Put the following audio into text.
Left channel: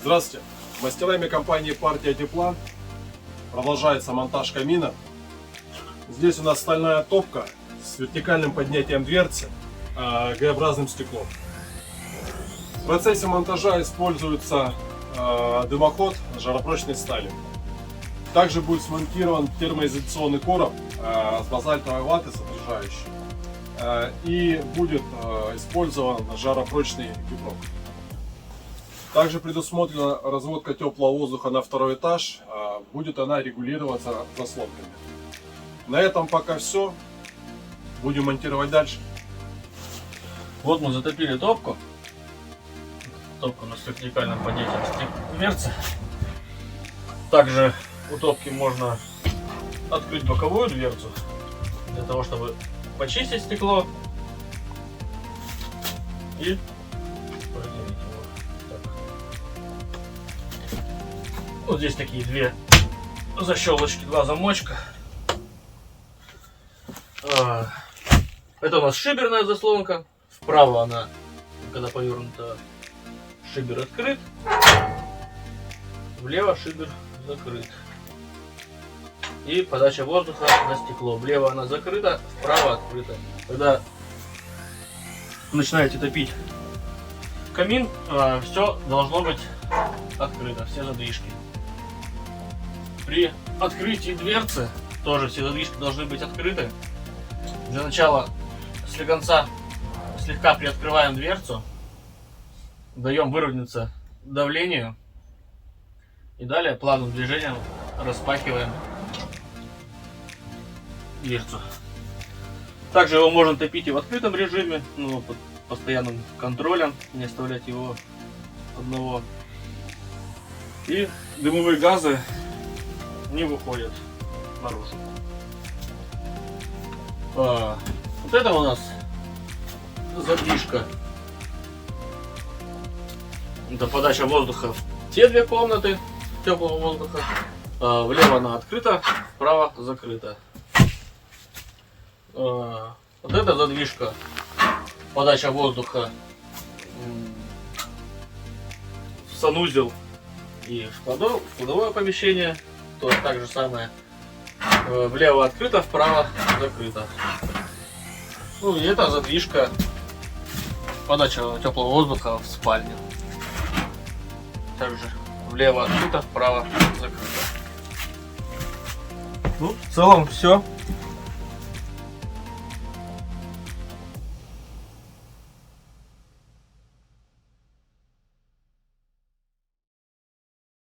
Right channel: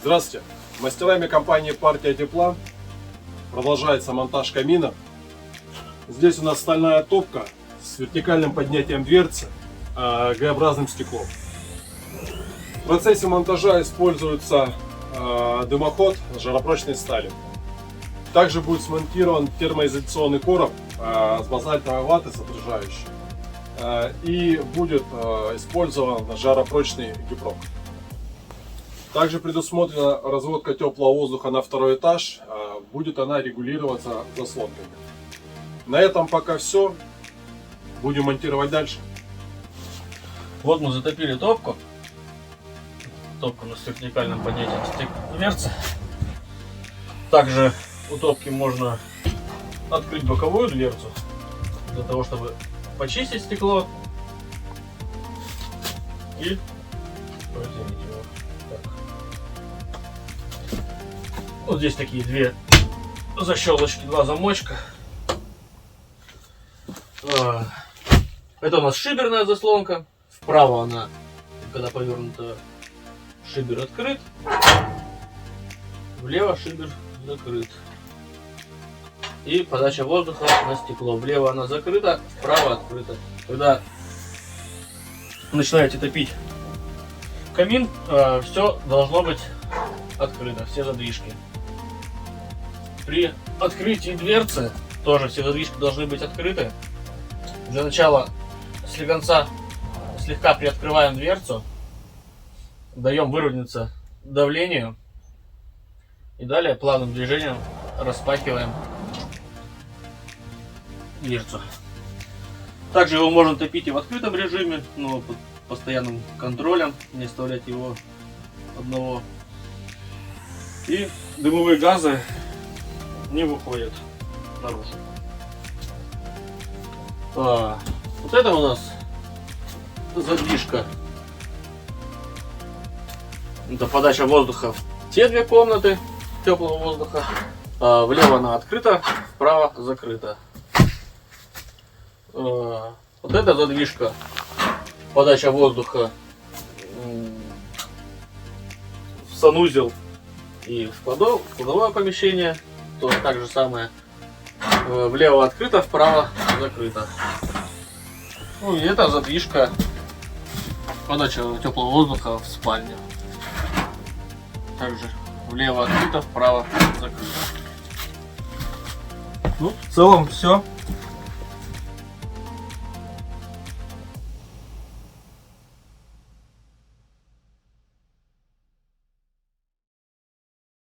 Здравствуйте! Мастерами компании «Партия тепла» продолжается монтаж камина. Здесь у нас стальная топка с вертикальным поднятием дверцы, Г-образным стеклом. В процессе монтажа используется дымоход жаропрочной стали. Также будет смонтирован термоизоляционный короб с базальтовой ваты содержащий. И будет использован жаропрочный гипрок. Также предусмотрена разводка теплого воздуха на второй этаж. Будет она регулироваться заслонками. На этом пока все. Будем монтировать дальше. Вот мы затопили топку. Топка на вертикальном поднятии дверцы. Также у топки можно открыть боковую дверцу для того, чтобы почистить стекло и протереть его. Так. Вот здесь такие две защелочки, два замочка. Это у нас шиберная заслонка. Вправо она, когда повернута, шибер открыт. Влево шибер закрыт. И подача воздуха на стекло. Влево она закрыта, вправо открыта. Когда начинаете топить камин, все должно быть открыто, все задвижки. При открытии дверцы тоже все задвижки должны быть открыты. Для начала слегонца слегка приоткрываем дверцу, даем выровняться давлению и далее плавным движением распахиваем дверцу. Также его можно топить и в открытом режиме, но под постоянным контролем, не оставлять его одного. И дымовые газы не выходят наружу. Вот это у нас задвижка. Это подача воздуха в те две комнаты теплого воздуха. Влево она открыта, вправо закрыта. Вот эта задвижка, подача воздуха в санузел и в кладовое помещение. То так же самое. Влево открыто, вправо закрыто. Ну и это задвижка, подача теплого воздуха в спальню. Также влево открыто, вправо закрыто. Ну, в целом все.